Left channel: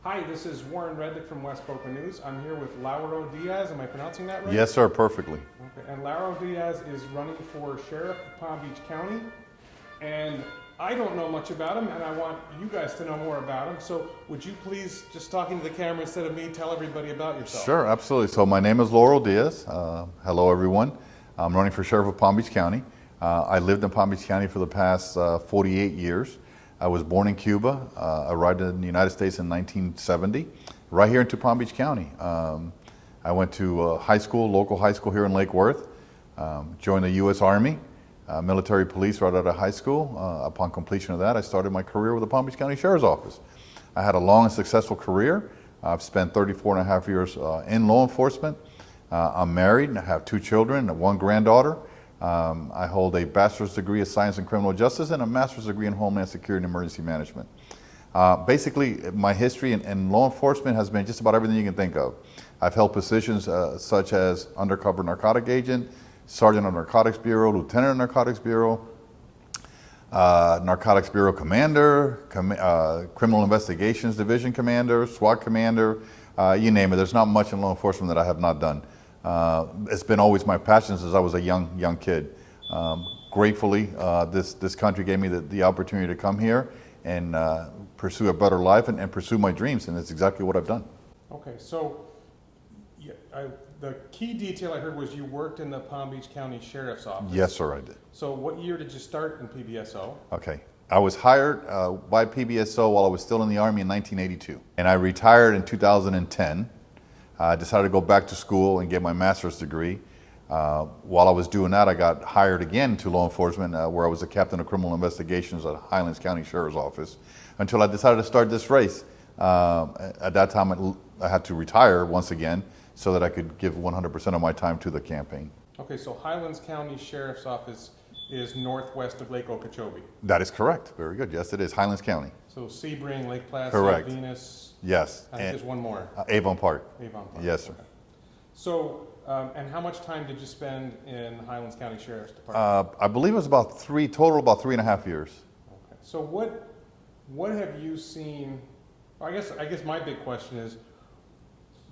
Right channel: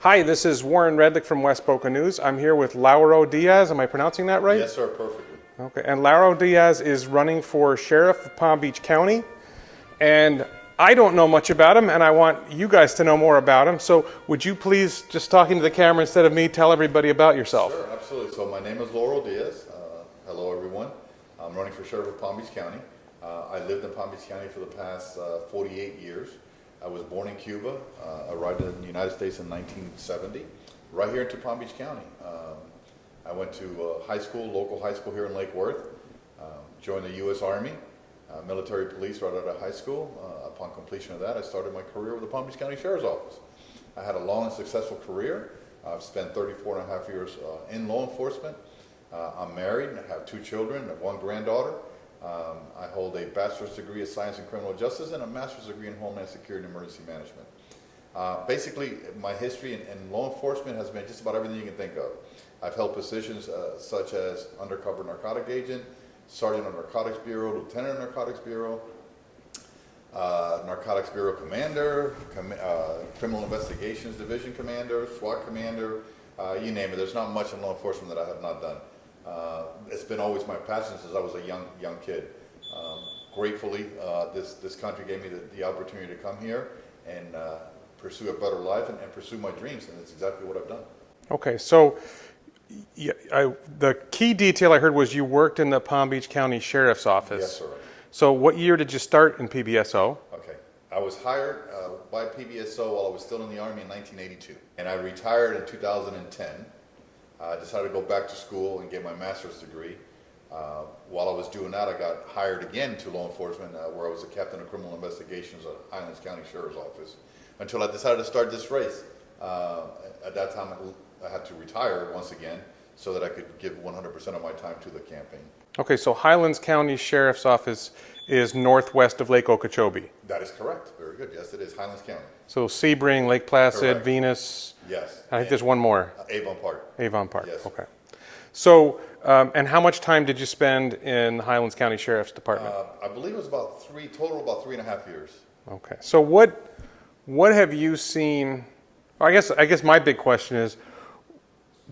Hi, this is Warren Redlich from West Boca News. I'm here with Lauro Diaz. Am I pronouncing that right? Yes, sir, perfectly. Okay, and Lauro Diaz is running for Sheriff of Palm Beach County. And I don't know much about him, and I want you guys to know more about him. So would you please, just talking to the camera instead of me, tell everybody about yourself? Sure, absolutely. So my name is Lauro Diaz. Hello, everyone. I'm running for Sheriff of Palm Beach County. I lived in Palm Beach County for the past 48 years. I was born in Cuba, arrived in the United States in 1970, right here into Palm Beach County. I went to high school, local high school here in Lake Worth, joined the U.S. Army, military police right out of high school. Upon completion of that, I started my career with the Palm Beach County Sheriff's Office. I had a long and successful career. I've spent 34 and a half years in law enforcement. I'm married, I have 2 children, 1 granddaughter. I hold a bachelor's degree of science in criminal justice and a master's degree in homeland security and emergency management. Basically, my history in law enforcement has been just about everything you can think of. I've held positions such as undercover narcotic agent, sergeant of narcotics bureau, lieutenant of narcotics bureau, narcotics bureau commander, criminal investigations division commander, SWAT commander, you name it. There's not much in law enforcement that I have not done. It's been always my passion since I was a young kid. Gratefully, this country gave me the opportunity to come here and pursue a better life and pursue my dreams, and that's exactly what I've done. Okay, so the key detail I heard was you worked in the Palm Beach County Sheriff's Office. Yes, sir, I did. So what year did you start in PBSO? Okay. I was hired by PBSO while I was still in the Army in 1982, and I retired in 2010. I decided to go back to school and get my master's degree. While I was doing that, I got hired again to law enforcement, where I was a captain of criminal investigations at Highlands County Sheriff's Office, until I decided to start this race. At that time, I had to retire once again so that I could give 100% of my time to the campaign. Okay, so Highlands County Sheriff's Office is northwest of Lake Okeechobee. That is correct. Very good. Yes, it is. Highlands County. So Sebring, Lake Placid, Correct. Venus. Yes. I think there's one more. Avon Park. Avon Park. Yes. Okay. So, and how much time did you spend in the Highlands County Sheriff's Department? I believe it was about 3.5 years. Okay. So what have you seen? I guess my big question is,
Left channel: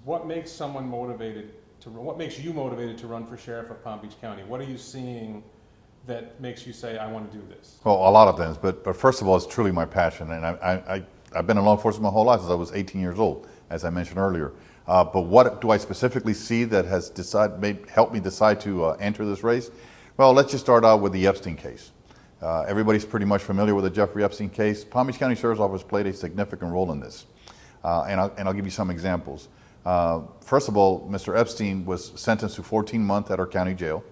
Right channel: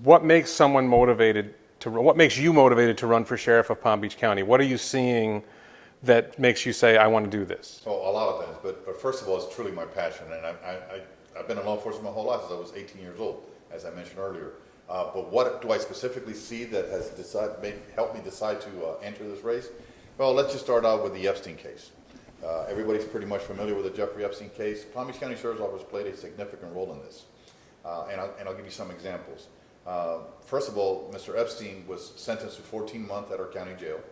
what makes someone motivated to run? What makes you motivated to run for Sheriff of Palm Beach County? What are you seeing that makes you say, I want to do this? Well, a lot of things, but first of all, it's truly my passion, and I've been in law enforcement my whole life since I was 18 years old, as I mentioned earlier. But what do I specifically see that has helped me decide to enter this race? Well, let's just start out with the Epstein case. Everybody's pretty much familiar with the Jeffrey Epstein case. Palm Beach County Sheriff's Office played a significant role in this, and I'll give you some examples. First of all, Mr. Epstein was sentenced to 14 months at our county jail.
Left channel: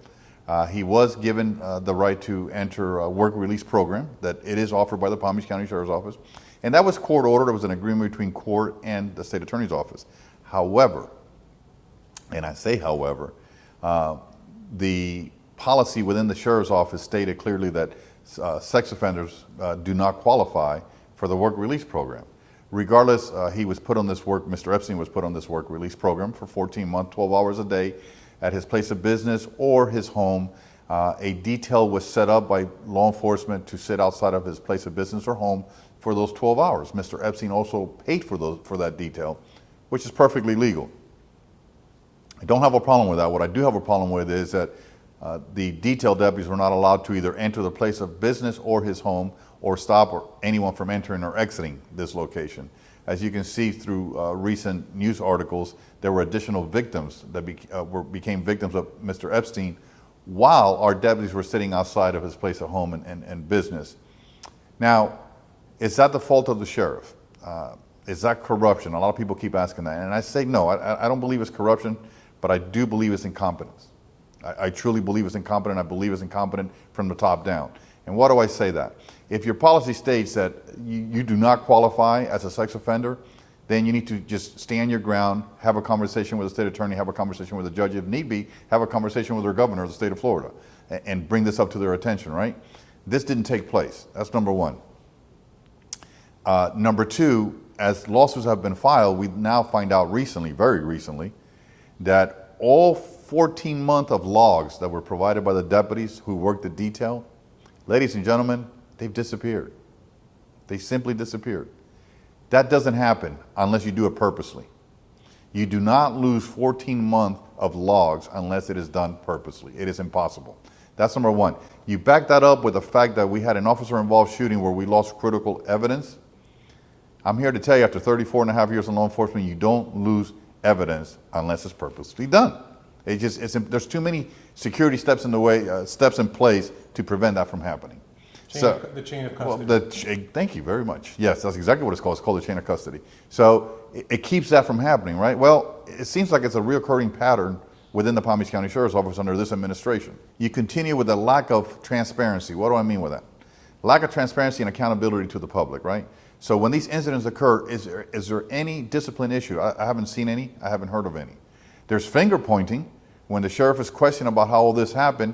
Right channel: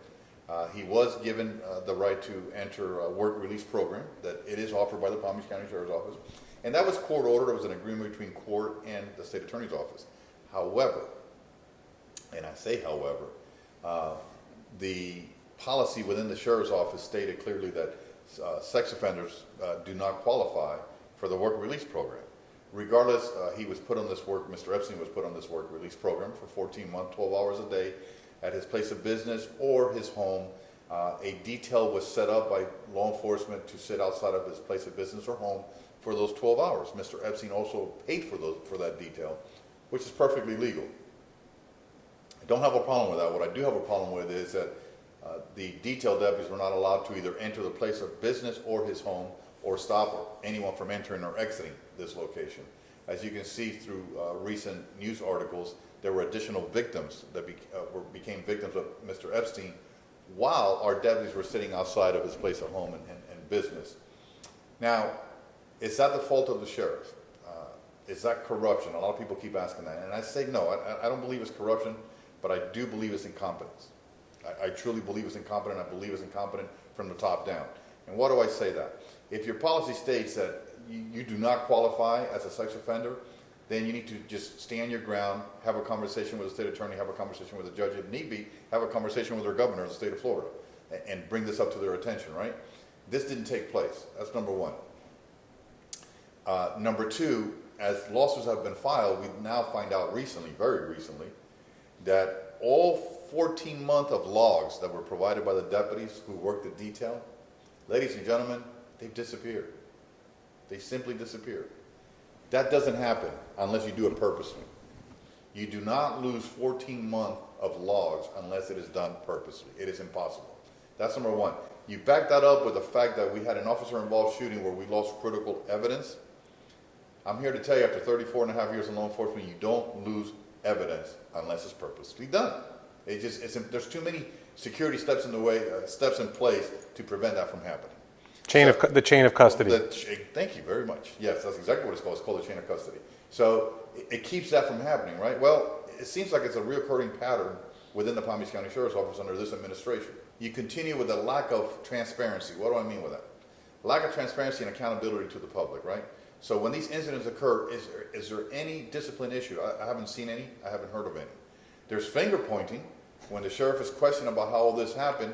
He was given the right to enter a work release program that it is offered by the Palm Beach County Sheriff's Office. And that was court ordered. It was an agreement between court and the state attorney's office. However, and I say however, the policy within the sheriff's office stated clearly that sex offenders do not qualify for the work release program. Regardless, he was put on this Mr. Epstein was put on this work release program for 14 months, 12 hours a day, at his place of business or his home. A detail was set up by law enforcement to sit outside of his place of business or home for those 12 hours. Mr. Epstein also paid for that detail, which is perfectly legal. I don't have a problem with that. What I do have a problem with is that the detail deputies were not allowed to either enter the place of business or his home or stop anyone from entering or exiting this location. As you can see through recent news articles, there were additional victims that became victims of Mr. Epstein while our deputies were sitting outside of his place of home and business. Now, is that the fault of the sheriff? Is that corruption? A lot of people keep asking that. And I say no, I don't believe it's corruption, but I do believe it's incompetence. I truly believe it's incompetent. I believe it's incompetent from the top down. And why do I say that? If your policy states that you do not qualify as a sex offender, then you need to just stand your ground, have a conversation with the state attorney, have a conversation with the judge, if need be, have a conversation with their governor of the state of Florida, and bring this up to their attention, right? This didn't take place. That's number one. Number two, as lawsuits have been filed, we now find out recently, very recently, that all 14 months of logs that were provided by the deputies who worked the detail, ladies and gentlemen, they've disappeared. They simply disappeared. That doesn't happen unless you do it purposely. You do not lose 14 months of logs unless it is done purposely. It is impossible. That's number one. You back that up with the fact that we had an officer-involved shooting where we lost critical evidence. I'm here to tell you, after 34 and a half years in law enforcement, you don't lose evidence unless it's purposely done. There's too many security steps in the way, steps in place to prevent that from happening. The chain of custody. Thank you very much. Yes, that's exactly what it's called. It's called the chain of custody. So it keeps that from happening, right? Well, it seems like it's a reoccurring pattern within the Palm Beach County Sheriff's Office under this administration. You continue with the lack of transparency. What do I mean with that? Lack of transparency and accountability to the public, right? So when these incidents occur, is there any discipline issue? I haven't seen any. I haven't heard of any. There's finger pointing. When the sheriff is questioned about how all this happened,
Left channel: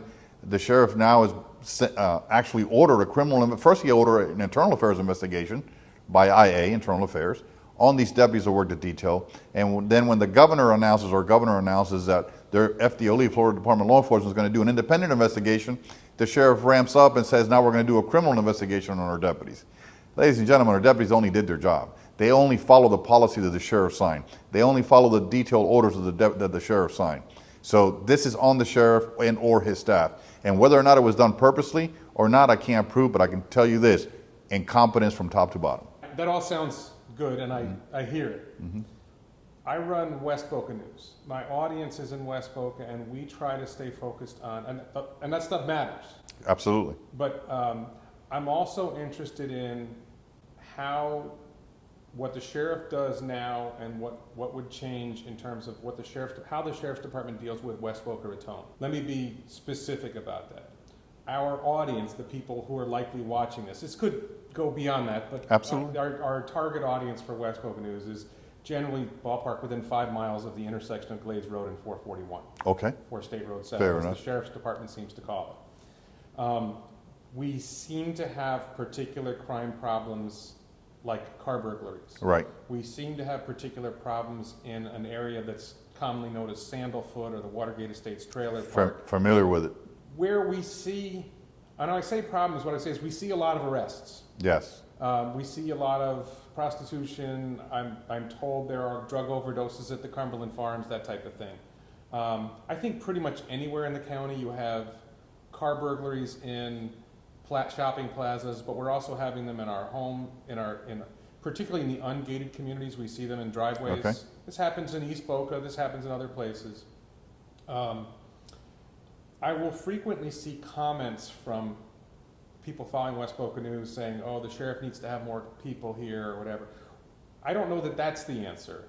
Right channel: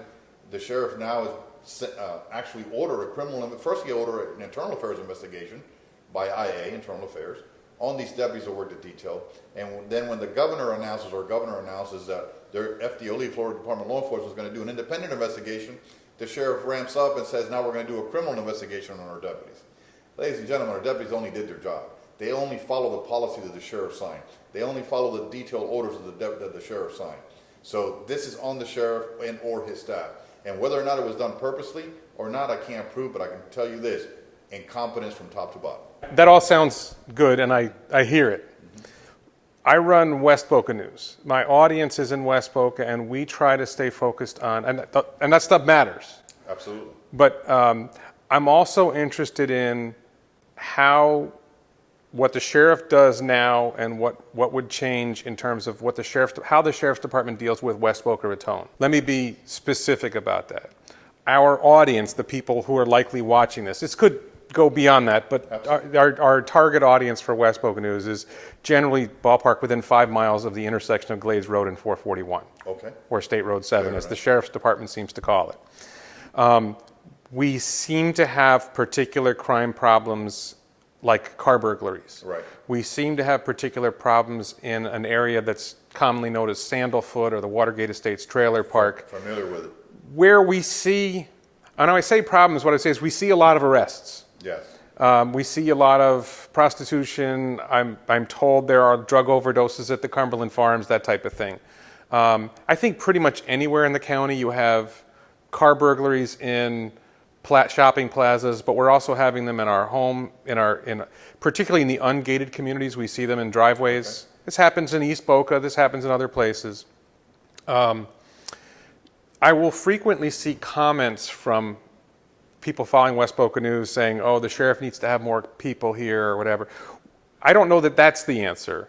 the sheriff now is actually ordered a criminal. First, he ordered an internal affairs investigation by IA, Internal Affairs, on these deputies that worked at detail. And then when the governor announces that their FDLE, Florida Department of Law Enforcement, is going to do an independent investigation, the sheriff ramps up and says, now we're going to do a criminal investigation on our deputies. Ladies and gentlemen, our deputies only did their job. They only follow the policy that the sheriff signed. They only follow the detailed orders that the sheriff signed. So this is on the sheriff and or his staff. And whether or not it was done purposely or not, I can't prove, but I can tell you this, incompetence from top to bottom. That all sounds good, and I hear it. Mm-hmm. I run West Boca News. My audience is in West Boca, and we try to stay focused on, and that stuff matters. Absolutely. But I'm also interested in what the sheriff does now and what would change in terms of how the sheriff's department deals with West Boca Raton. Let me be specific about that. Our audience, the people who are likely watching this could go beyond that, but our target audience for West Boca News is generally ballpark within 5 miles of the intersection of Glades Road and 441. Okay. Or State Road 7, as the sheriff's department seems to call it. We seem to have particular crime problems like car burglaries. Right. We seem to have particular problems in an area that's commonly known as Sandalfoot or the Watergate Estates Trailer Park. Familiar with it. Where we see, and when I say problems, what I say is we see a lot of arrests. Yes. We see a lot of prostitution. I'm told there are drug overdoses at the Cumberland Farms, that type of thing. I think pretty much anywhere in the county you have car burglaries in shopping plazas, but we're also having them in our home, particularly in the ungated communities. We see them in driveways. Okay. This happens in East Boca. This happens in other places. I will frequently see comments from people following West Boca News saying, oh, the sheriff needs to have more people here or whatever. I don't know that that's the answer,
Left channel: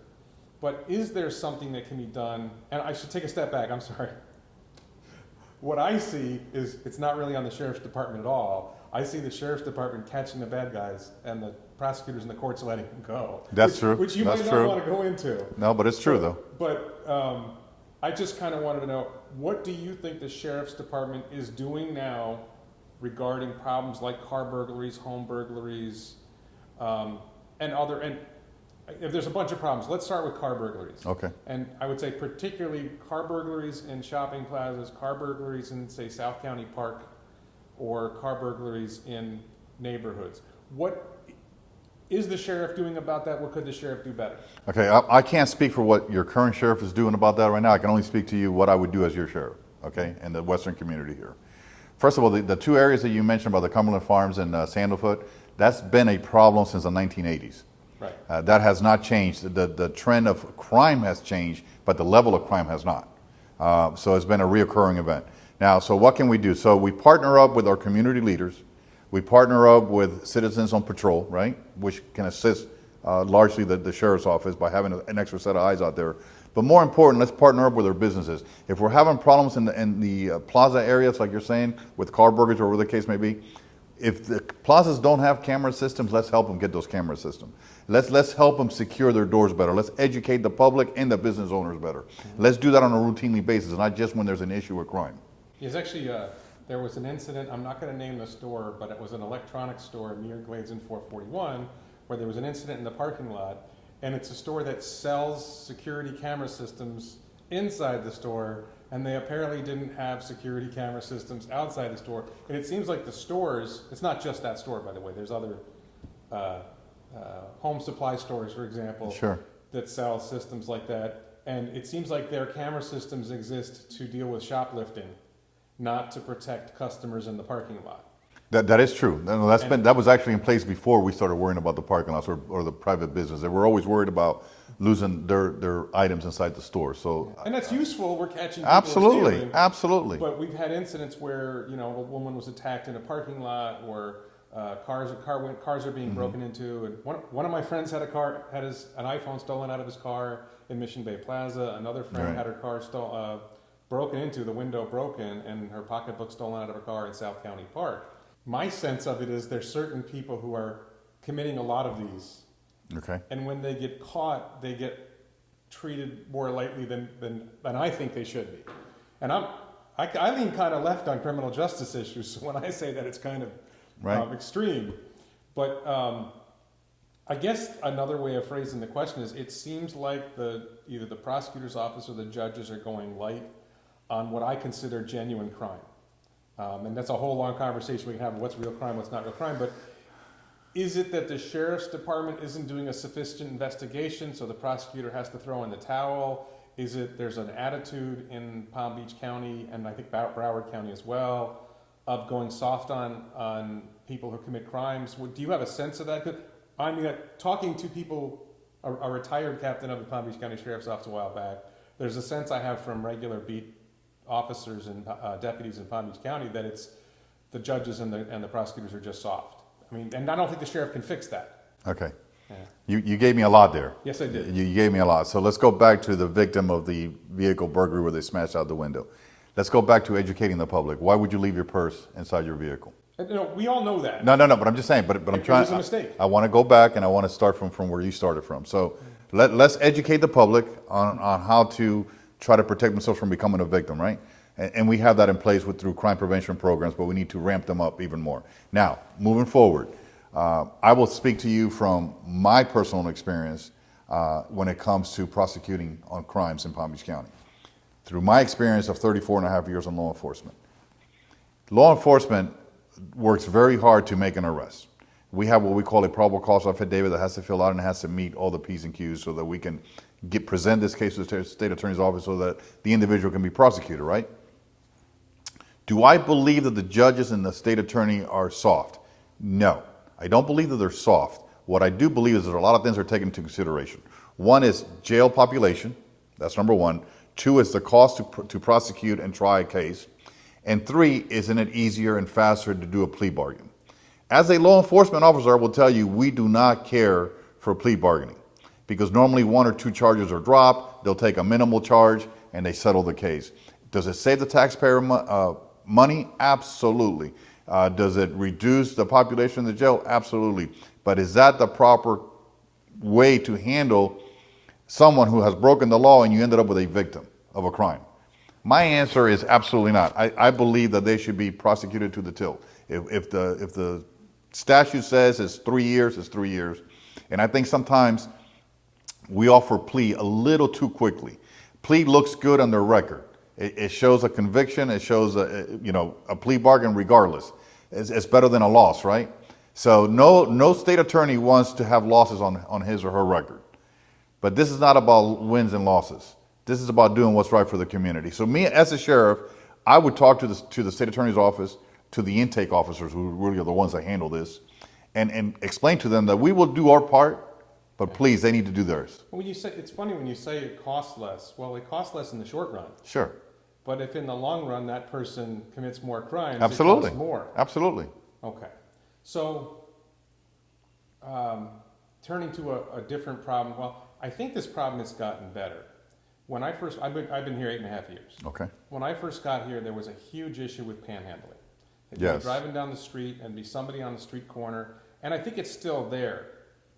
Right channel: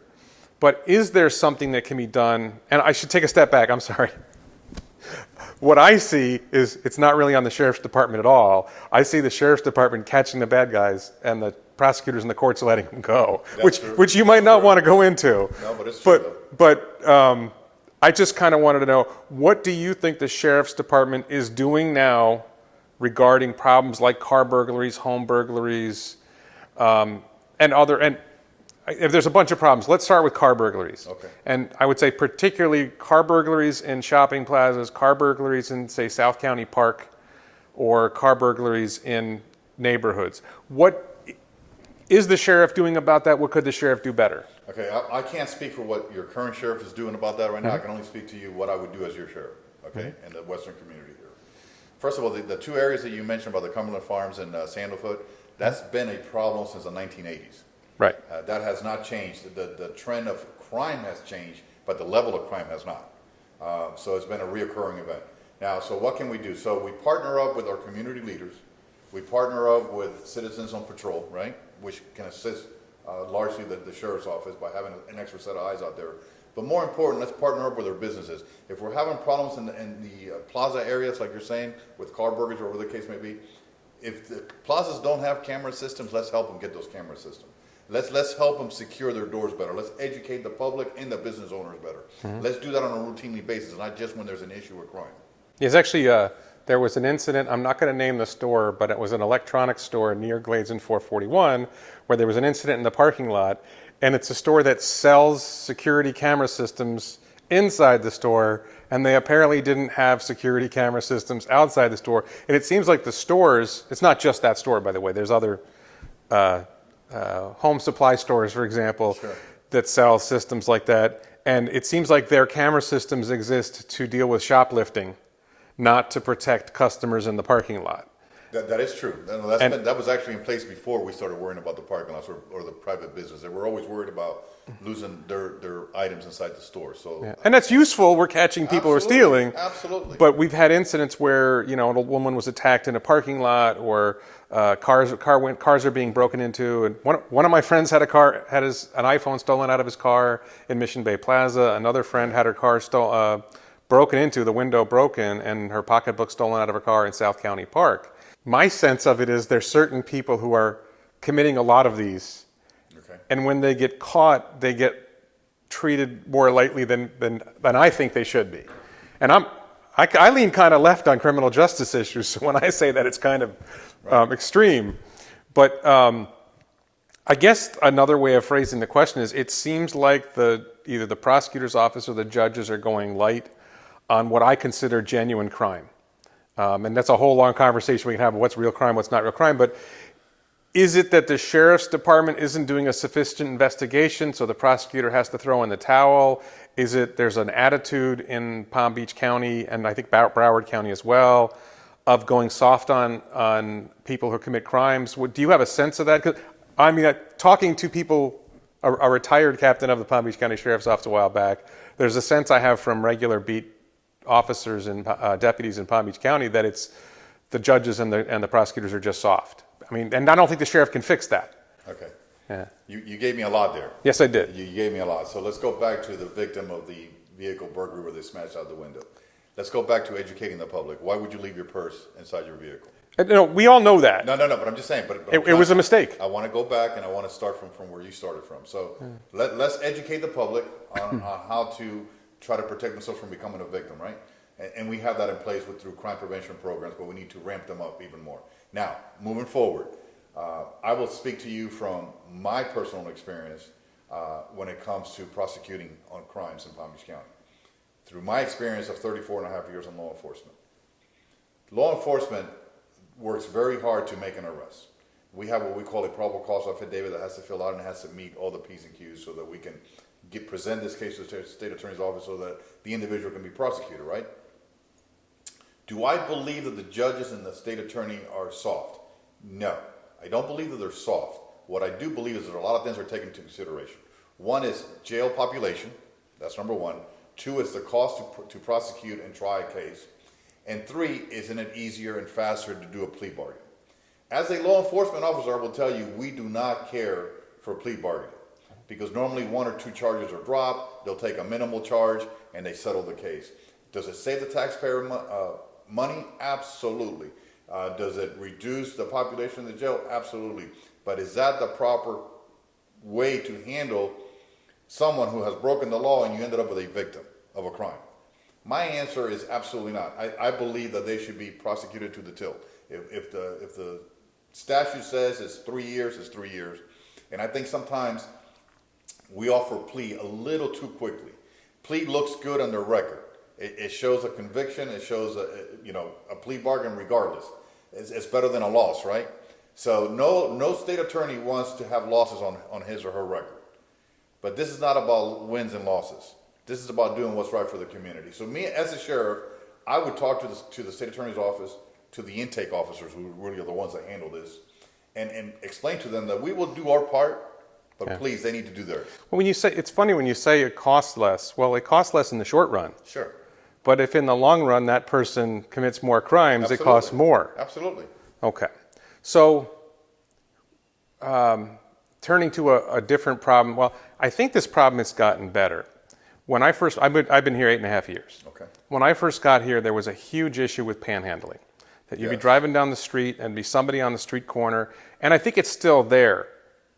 but is there something that can be done? And I should take a step back, I'm sorry. What I see is it's not really on the sheriff's department at all. I see the sheriff's department catching the bad guys and the prosecutors and the courts letting them go, which you might not want to go into. No, but it's true though. But I just kind of wanted to know, what do you think the sheriff's department is doing now regarding problems like car burglaries, home burglaries, and there's a bunch of problems. Let's start with car burglaries. Okay. And I would say particularly car burglaries in shopping plazas, car burglaries in, say, South County Park, or car burglaries in neighborhoods. What is the sheriff doing about that? What could the sheriff do better? Okay, I can't speak for what your current sheriff is doing about that right now. I can only speak to you what I would do as your sheriff, okay, in the western community here. First of all, the two areas that you mentioned about the Cumberland Farms and Sandalfoot, that's been a problem since the 1980s. Right. That has not changed. The trend of crime has changed, but the level of crime has not. So it's been a reoccurring event. Now, so what can we do? So we partner up with our community leaders. We partner up with citizens on patrol, right, which can assist largely the sheriff's office by having an extra set of eyes out there. But more important, let's partner up with our businesses. If we're having problems in the plaza areas, like you're saying, with car burglars or whatever the case may be, if the plazas don't have camera systems, let's help them get those camera systems. Let's help them secure their doors better. Let's educate the public and the business owners better. Mm-hmm. Let's do that on a routinely basis, not just when there's an issue with crime. Yes, actually, there was an incident, I'm not going to name the store, but it was an electronics store near Glades and 441, where there was an incident in the parking lot, and it's a store that sells security camera systems inside the store, and they apparently didn't have security camera systems outside the store. And it seems like the stores, it's not just that store, by the way, there's other home supply stores, for example, Sure. that sell systems like that. And it seems like their camera systems exist to deal with shoplifting, not to protect customers in the parking lot. That is true. No, that was actually in place before we started worrying about the parking lots or the private business. They were always worried about losing their items inside the store. So, Yeah. And that's useful. We're catching people who are absolutely, stealing. absolutely. But we've had incidents where, you know, an old woman was attacked in a parking lot, or cars are being broken into. And one of my friends had an iPhone stolen out of his car in Mission Bay Plaza. Another friend had her car broken into, the window broken, and her pocketbook stolen out of her car in South County Park. My sense of it is there's certain people who are committing a lot of these. Okay. And when they get caught, they get treated more lightly than I think they should be. And I lean kind of left on criminal justice issues, so when I say that, it's kind of extreme. But I guess another way of phrasing the question is, it seems like either the prosecutor's office or the judges are going light on what I consider genuine crime. And that's a whole long conversation we can have, what's real crime, what's not real crime. But is it that the sheriff's department isn't doing a sufficient investigation, so the prosecutor has to throw in the towel? Is it there's an attitude in Palm Beach County, and I think Broward County as well, of going soft on people who commit crimes? Do you have a sense of that? 'Cause, I mean, talking to people, a retired captain of the Palm Beach County Sheriff's Office a while back, there's a sense I have from regular beat officers and deputies in Palm Beach County that it's the judges and the prosecutors are just soft. I mean, and I don't think the sheriff can fix that. Okay. Yeah. You gave me a lot there. Yes, I did. You gave me a lot. So let's go back to the victim of the vehicle burglary where they smashed out the window. Let's go back to educating the public. Why would you leave your purse inside your vehicle? No, we all know that. No, but I'm just saying. But it was a mistake. I want to go back and I want to start from where you started from. So let's educate the public on how to try to protect themselves from becoming a victim, right? And we have that in place through crime prevention programs, but we need to ramp them up even more. Now, moving forward, I will speak to you from my personal experience when it comes to prosecuting on crimes in Palm Beach County. Through my experience of 34 and a half years in law enforcement works very hard to make an arrest. We have what we call a probable cause affidavit that has to fill out and has to meet all the P's and Q's so that we can present this case to the state attorney's office so that the individual can be prosecuted, right? Do I believe that the judges and the state attorney are soft? No, I don't believe that they're soft. What I do believe is that a lot of things are taken into consideration. One is jail population. That's number one. Two is the cost to prosecute and try a case. And three, isn't it easier and faster to do a plea bargain? As a law enforcement officer, I will tell you, we do not care for plea bargaining because normally one or two charges are dropped, they'll take a minimal charge, and they settle the case. Does it save the taxpayer money? Absolutely. Does it reduce the population in the jail? Absolutely. But is that the proper way to handle someone who has broken the law and you ended up with a victim of a crime? My answer is absolutely not. I believe that they should be prosecuted to the tilt. If the statute says it's 3 years, it's 3 years. And I think sometimes we offer plea a little too quickly. Plea looks good on their record. It shows a conviction. It shows a plea bargain regardless. It's better than a loss, right? So no state attorney wants to have losses on his or her record. But this is not about wins and losses. This is about doing what's right for the community. So me as a sheriff, I would talk to the state attorney's office, to the intake officers who really are the ones that handle this, and explain to them that we will do our part, but please, they need to do theirs. Well, it's funny when you say it costs less. Well, it costs less in the short run. Sure. But if in the long run that person commits more crimes, Absolutely. it costs more. Absolutely. Okay. So turning to a different problem, well, I think this problem has gotten better. When I've been here 8.5 years. Okay. When I first got here, there was a huge issue with panhandling. That you'd be driving down the street and be somebody on the street corner, and I think it's still there,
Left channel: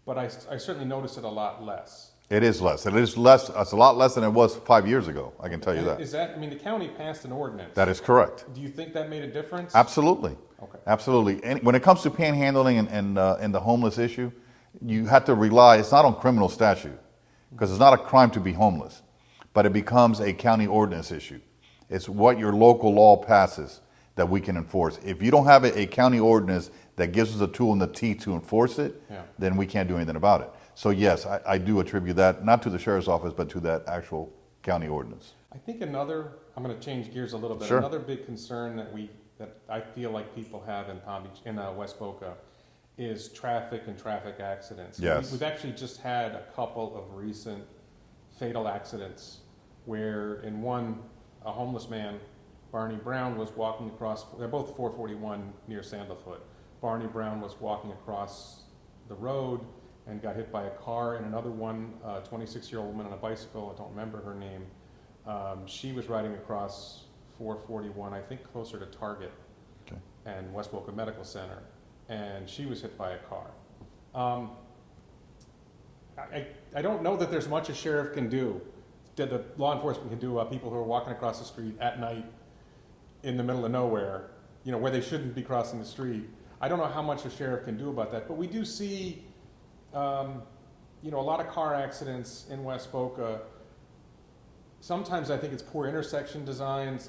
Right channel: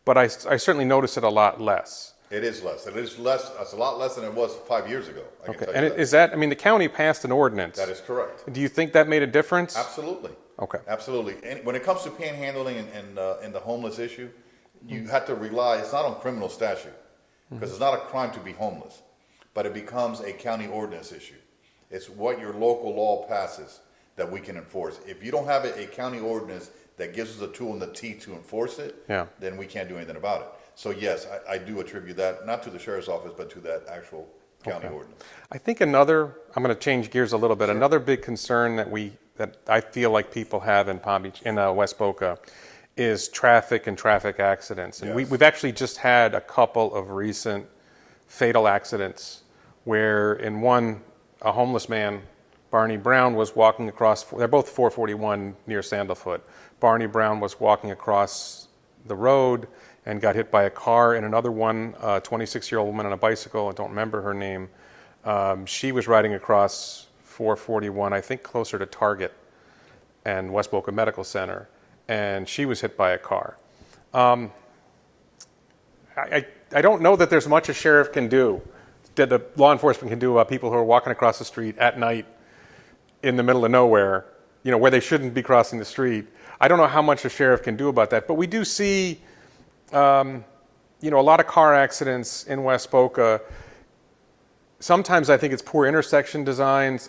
but I certainly notice it a lot less. It is less. It is less. It's a lot less than it was 5 years ago. I can tell you that. Is that? I mean, the county passed an ordinance. That is correct. Do you think that made a difference? Absolutely. Okay. Absolutely. And when it comes to panhandling and the homeless issue, you have to rely. It's not on criminal statute because it's not a crime to be homeless, but it becomes a county ordinance issue. It's what your local law passes that we can enforce. If you don't have a county ordinance that gives us a tool in the teeth to enforce it, Yeah. then we can't do anything about it. So yes, I do attribute that, not to the sheriff's office, but to that actual county ordinance. I think another, I'm going to change gears a little bit. Sure. Another big concern that I feel like people have in Palm Beach, in West Boca, is traffic and traffic accidents. And Yes. we've actually just had a couple of recent fatal accidents where in one, a homeless man, Barney Brown, was walking across, they're both 441 near Sandalfoot. Barney Brown was walking across the road and got hit by a car, and another one, a 26-year-old woman on a bicycle, I don't remember her name. She was riding across 441, I think closer to Target and West Boca Medical Center, and she was hit by a car. I don't know that there's much a sheriff can do, that the law enforcement can do about people who are walking across the street at night in the middle of nowhere, where they shouldn't be crossing the street. I don't know how much a sheriff can do about that, but we do see, a lot of car accidents in West Boca. Sometimes I think it's poor intersection designs.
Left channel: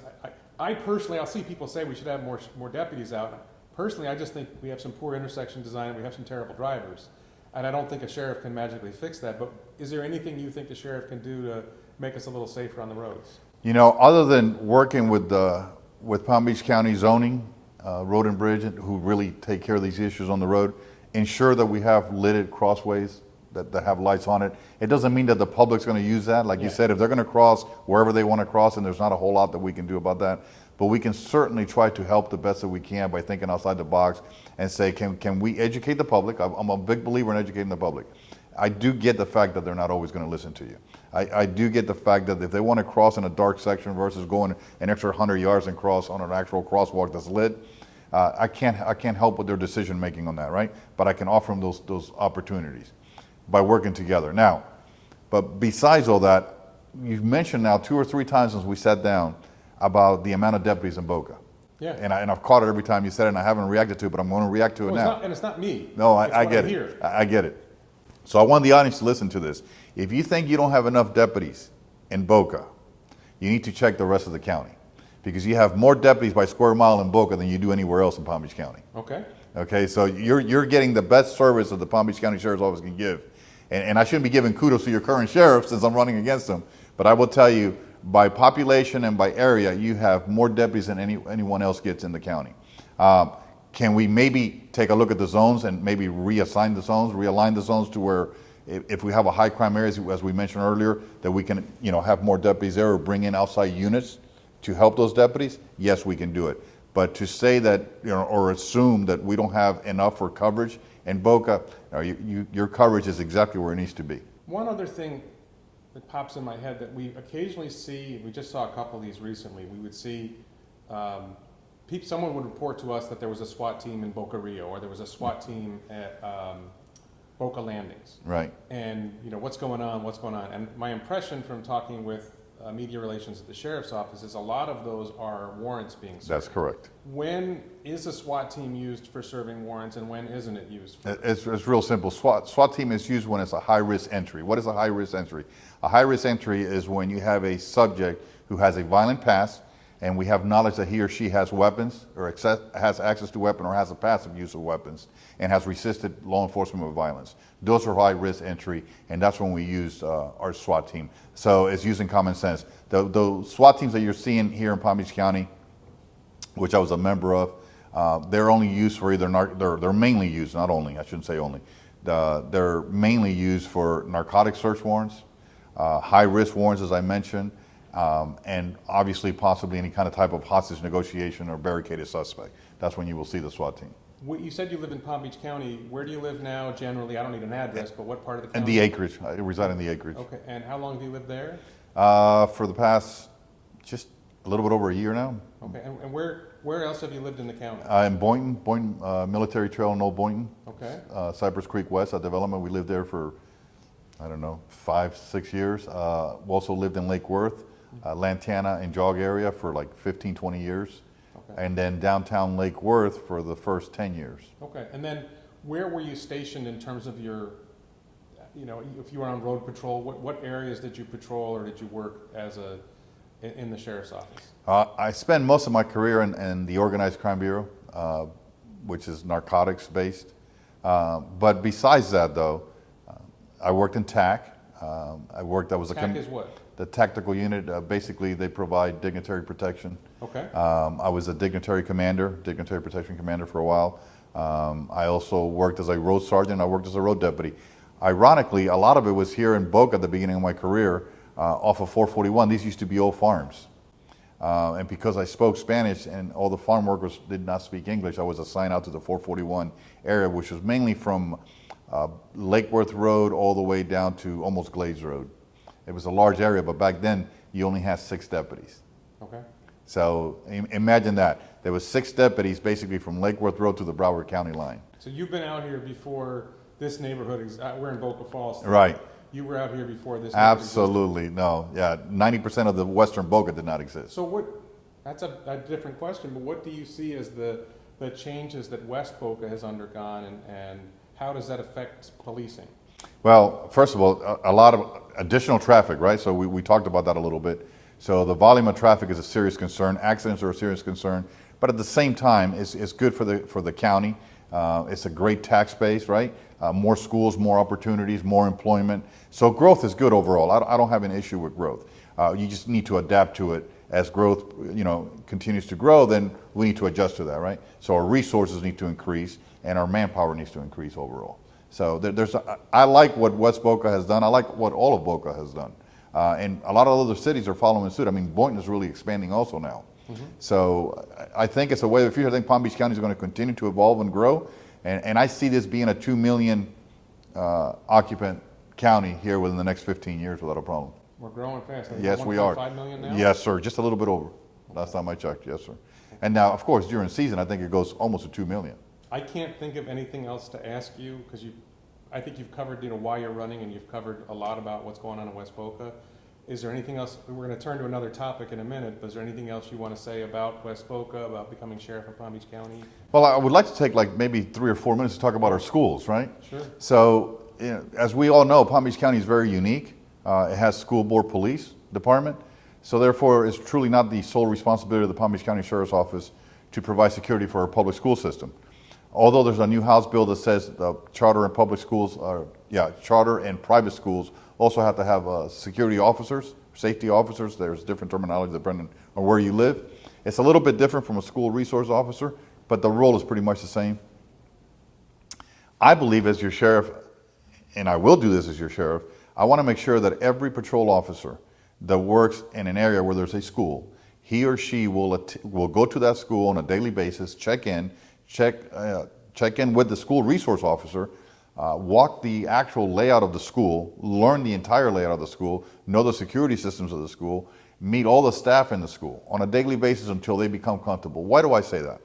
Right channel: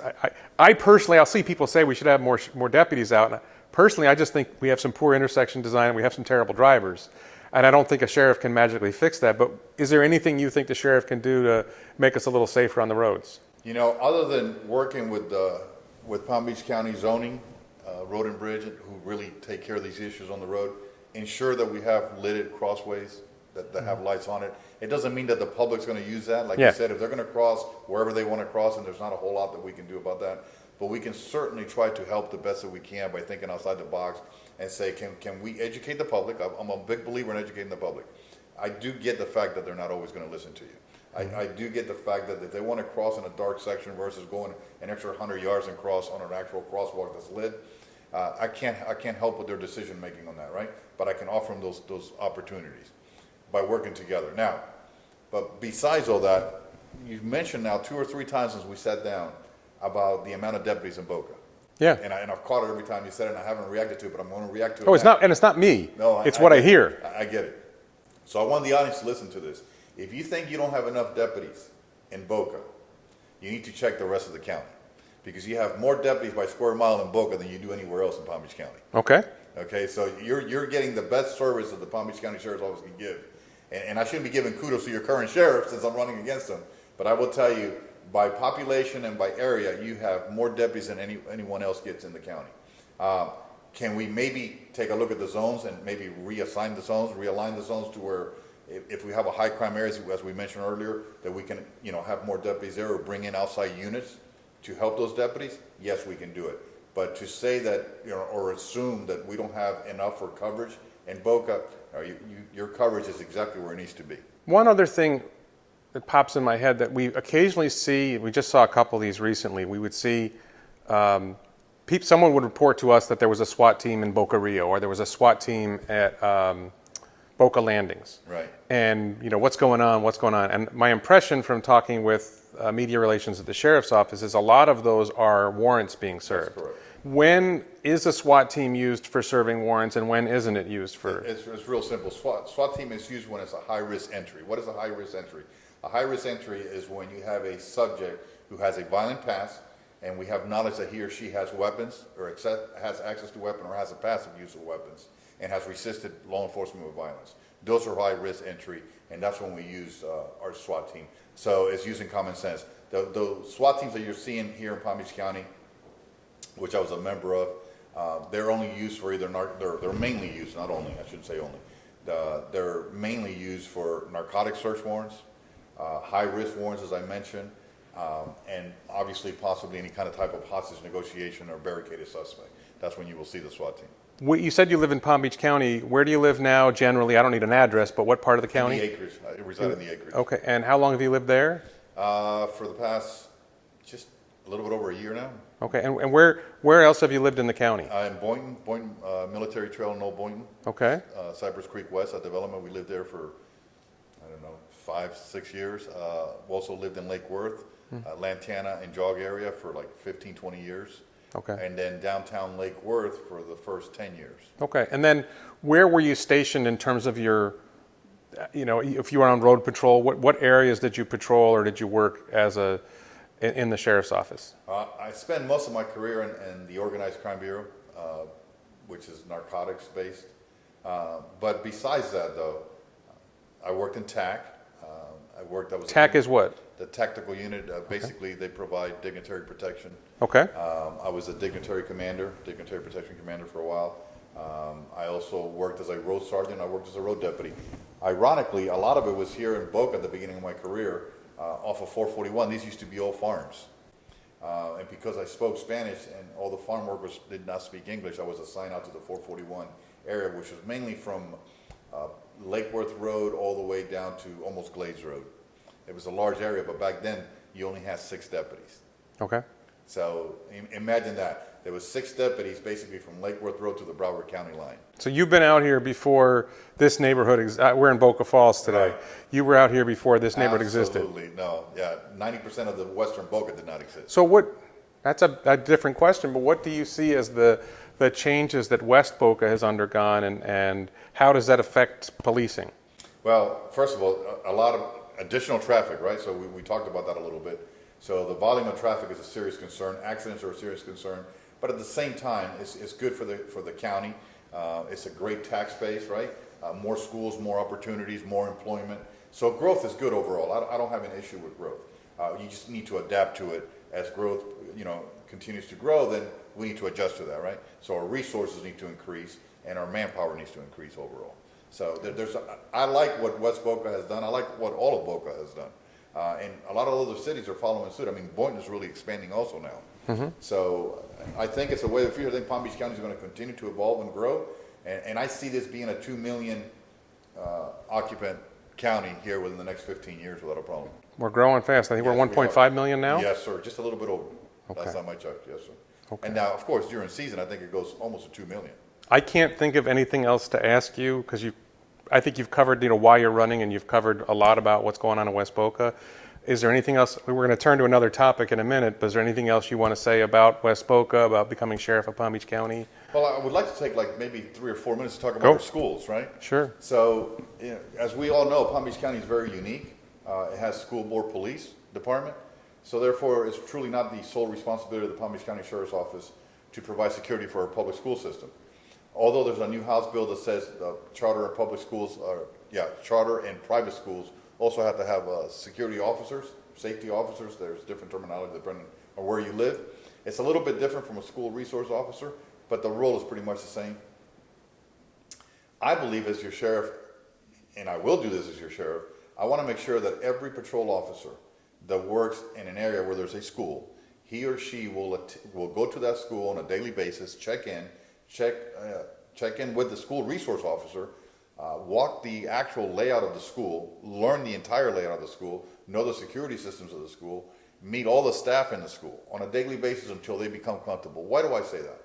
I personally, I'll see people say we should have more deputies out. And personally, I just think we have some poor intersection design and we have some terrible drivers. And I don't think a sheriff can magically fix that. But is there anything you think the sheriff can do to make us a little safer on the roads? Other than working with Palm Beach County zoning, road and bridge, who really take care of these issues on the road, ensure that we have lighted crossways that have lights on it. It doesn't mean that the public's going to use that. Like you said, if they're going to cross wherever they want to cross, and there's not a whole lot that we can do about that. But we can certainly try to help the best that we can by thinking outside the box and say, can we educate the public? I'm a big believer in educating the public. I do get the fact that they're not always going to listen to you. I do get the fact that if they want to cross in a dark section versus going an extra 100 yards and cross on an actual crosswalk that's lit, I can't help with their decision making on that, right? But I can offer them those opportunities by working together. Now, but besides all that, you've mentioned now 2 or 3 times since we sat down about the amount of deputies in Boca. Yeah. And I've caught it every time you said it, and I haven't reacted to it, but I'm going to react to it No, it's now. not, and it's not me. No, it's what I hear. I get it. So I want the audience to listen to this. If you think you don't have enough deputies in Boca, you need to check the rest of the county, because you have more deputies by square mile in Boca than you do anywhere else in Palm Beach County. Okay. Okay, so you're getting the best service that the Palm Beach County Sheriff's Office can give. And I shouldn't be giving kudos to your current sheriff since I'm running against him, but I will tell you, by population and by area, you have more deputies than anyone else gets in the county. Can we maybe take a look at the zones and maybe realign the zones to where if we have a high crime area, as we mentioned earlier, that we can have more deputies there or bring in outside units to help those deputies? Yes, we can do it. But to say that, or assume that we don't have enough for coverage in Boca, your coverage is exactly where it needs to be. One other thing that pops in my head that we occasionally see, we just saw a couple of these recently, we would see someone would report to us that there was a SWAT team in Boca Rio, or there was a SWAT team at Boca Landings. Right. And what's going on? And my impression from talking with media relations at the sheriff's office is a lot of those are warrants being served. That's correct. When is a SWAT team used for serving warrants, and when isn't it used for? It's real simple. SWAT team is used when it's a high-risk entry. What is a high-risk entry? A high-risk entry is when you have a subject who has a violent past, and we have knowledge that he or she has weapons, or has access to weapon, or has a passive use of weapons, and has resisted law enforcement with violence. Those are high-risk entry, and that's when we use our SWAT team. So it's using common sense. The SWAT teams that you're seeing here in Palm Beach County, which I was a member of, they're only used for they're mainly used, not only, I shouldn't say only, they're mainly used for narcotic search warrants, high-risk warrants, as I mentioned, and obviously possibly any kind of type of hostage negotiation or barricaded suspect. That's when you will see the SWAT team. You said you live in Palm Beach County. Where do you live now generally? I don't need an address, but what part of the county? In the acreage. I reside in the acreage. Okay, and how long have you lived there? For the past just a little bit over a year now. Okay, and where else have you lived in the county? In Boynton, Military Trail in Old Boynton. Okay. Cypress Creek West, a development. We lived there for, 5-6 years. We also lived in Lake Worth, Lantana and Jog area for like 15, 20 years. Okay. And then downtown Lake Worth for the first 10 years. Okay, and then where were you stationed in terms of your, if you were on road patrol, what areas did you patrol or did you work in the sheriff's office? I spent most of my career in the Organized Crime Bureau, which is narcotics based. But besides that, though, I worked in TAC. I was TAC is what? the tactical unit. Basically, they provide dignitary protection. Okay. I was a dignitary protection commander for a while. I also worked as a road sergeant. I worked as a road deputy. Ironically, a lot of it was here in Boca at the beginning of my career, off of 441. These used to be old farms. And because I spoke Spanish and all the farm workers did not speak English, I was assigned out to the 441 area, which was mainly from Lake Worth Road all the way down to almost Glades Road. It was a large area, but back then you only had 6 deputies. Okay. So imagine that. There was 6 deputies basically from Lake Worth Road to the Broward County line. So you've been out here before this neighborhood, we're in Boca Falls today. Right. You were out here before this neighborhood existed. Absolutely, no. Yeah, 90% of the western Boca did not exist. So that's a different question, but what do you see as the changes that West Boca has undergone, and how does that affect policing? Well, first of all, a lot of additional traffic, right? So we talked about that a little bit. So the volume of traffic is a serious concern. Accidents are a serious concern, but at the same time, it's good for the county. It's a great tax base, right? More schools, more opportunities, more employment. So growth is good overall. I don't have an issue with growth. You just need to adapt to it. As growth, continues to grow, then we need to adjust to that, right? So our resources need to increase, and our manpower needs to increase overall. So I like what West Boca has done. I like what all of Boca has done. And a lot of other cities are following suit. I mean, Boynton is really expanding also now. Mm-hmm. So I think it's a way of the future. I think Palm Beach County is going to continue to evolve and grow. And I see this being a 2 million occupant county here within the next 15 years without a problem. We're growing fast. I think Yes, we're 1.5 million now? Yes, sir. Just a little bit over. Okay. Last time I checked, yes, sir. Okay. And now, of course, during season, I think it goes almost to 2 million. I can't think of anything else to ask you, because I think you've covered, why you're running, and you've covered a lot about what's going on in West Boca. Is there anything else? We're going to turn to another topic in a minute, but is there anything else you want to say about West Boca, about becoming sheriff of Palm Beach County? Well, I would like to take maybe 3 or 4 minutes to talk about our schools, right? Sure. So, as we all know, Palm Beach County is very unique. It has school board police department. So therefore, it's truly not the sole responsibility of the Palm Beach County Sheriff's Office to provide security for our public school system. Although there's a new House bill that says charter and private schools also have to have security officers, safety officers. There's different terminology depending on where you live. It's a little bit different from a school resource officer, but the role is pretty much the same. I believe as your sheriff, and I will do this as your sheriff, I want to make sure that every patrol officer that works in an area where there's a school, he or she will go to that school on a daily basis, check in with the school resource officer, walk the actual layout of the school, learn the entire layout of the school, know the security systems of the school, meet all the staff in the school on a daily basis until they become comfortable. Why do I say that?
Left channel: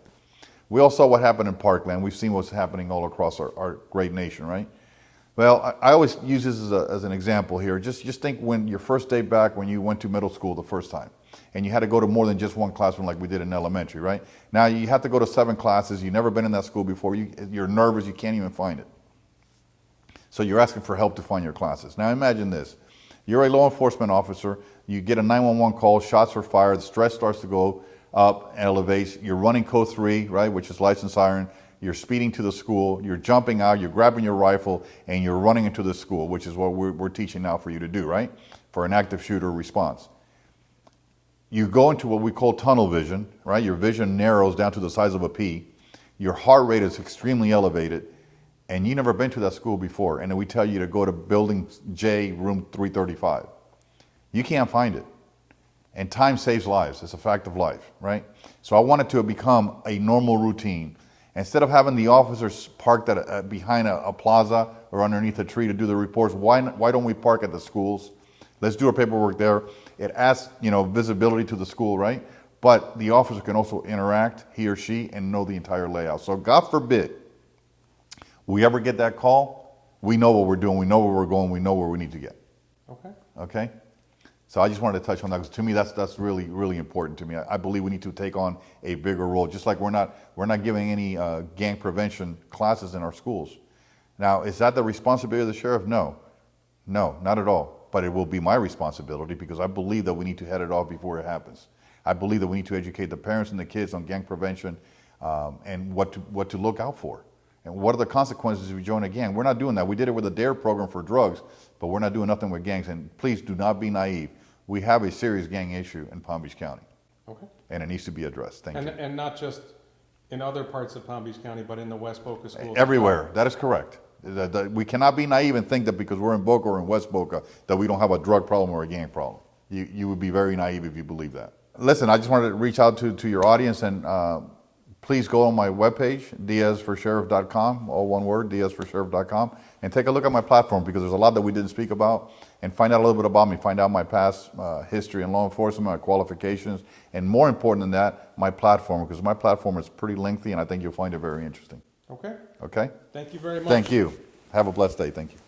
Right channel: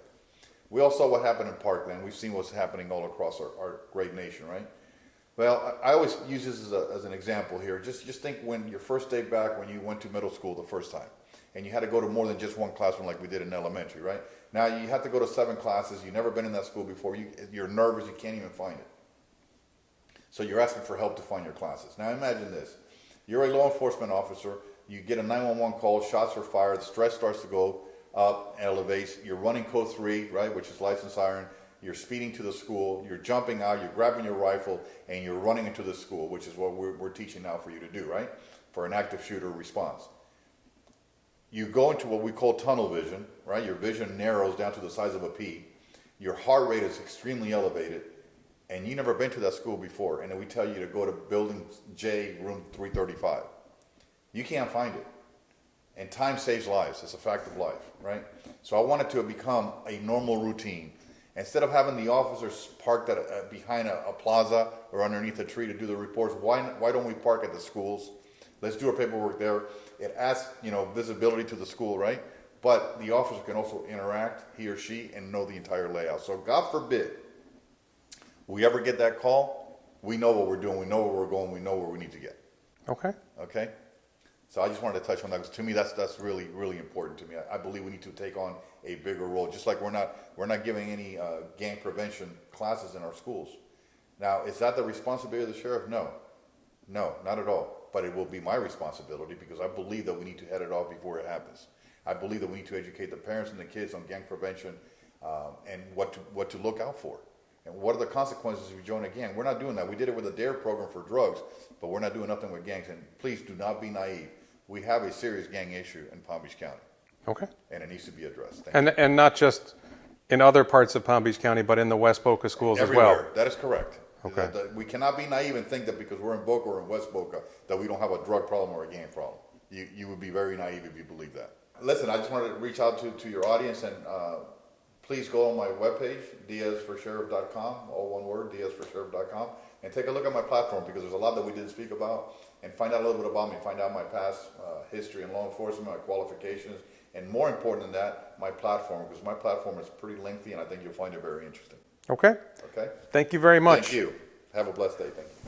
We all saw what happened in Parkland. We've seen what's happening all across our great nation, right? Well, I always use this as an example here. Just think when your first day back when you went to middle school the first time, and you had to go to more than just one classroom like we did in elementary, right? Now you have to go to 7 classes. You've never been in that school before. You're nervous. You can't even find it. So you're asking for help to find your classes. Now imagine this. You're a law enforcement officer. You get a 911 call. Shots are fired. The stress starts to go up, elevates. You're running code 3, right, which is license siren. You're speeding to the school. You're jumping out. You're grabbing your rifle, and you're running into the school, which is what we're teaching now for you to do, right, for an active shooter response. You go into what we call tunnel vision, right? Your vision narrows down to the size of a pea. Your heart rate is extremely elevated, and you've never been to that school before, and then we tell you to go to building J, room 335. You can't find it. And time saves lives. It's a fact of life, right? So I want it to become a normal routine. Instead of having the officers parked behind a plaza or underneath a tree to do the reports, why don't we park at the schools? Let's do our paperwork there. It adds, visibility to the school, right? But the officer can also interact, he or she, and know the entire layout. So God forbid we ever get that call, we know what we're doing, we know where we're going, we know where we need to get. Okay. Okay? So I just wanted to touch on that because to me that's really, really important to me. I believe we need to take on a bigger role, just like we're not giving any gang prevention classes in our schools. Now, is that the responsibility of the sheriff? No, not at all. But it will be my responsibility because I believe that we need to head it off before it happens. I believe that we need to educate the parents and the kids on gang prevention and what to look out for. And what are the consequences if you join a gang? We're not doing that. We did it with the DARE program for drugs, but we're not doing nothing with gangs. And please do not be naive. We have a serious gang issue in Palm Beach County. Okay. And it needs to be addressed. Thank you. And not just in other parts of Palm Beach County, but in the West Boca schools Everywhere. as well. That is correct. Okay. We cannot be naive and think that because we're in Boca or in West Boca that we don't have a drug problem or a gang problem. You would be very naive if you believe that. Listen, I just wanted to reach out to your audience and please go on my webpage, diazforsheriff.com, all one word, diazforsheriff.com, and take a look at my platform because there's a lot that we didn't speak about, and find out a little bit about me, find out my past history in law enforcement, my qualifications, and more important than that, my platform, because my platform is pretty lengthy and I think you'll find it very interesting. Okay. Okay? Thank you very much. Thank you. Have a blessed day. Thank you.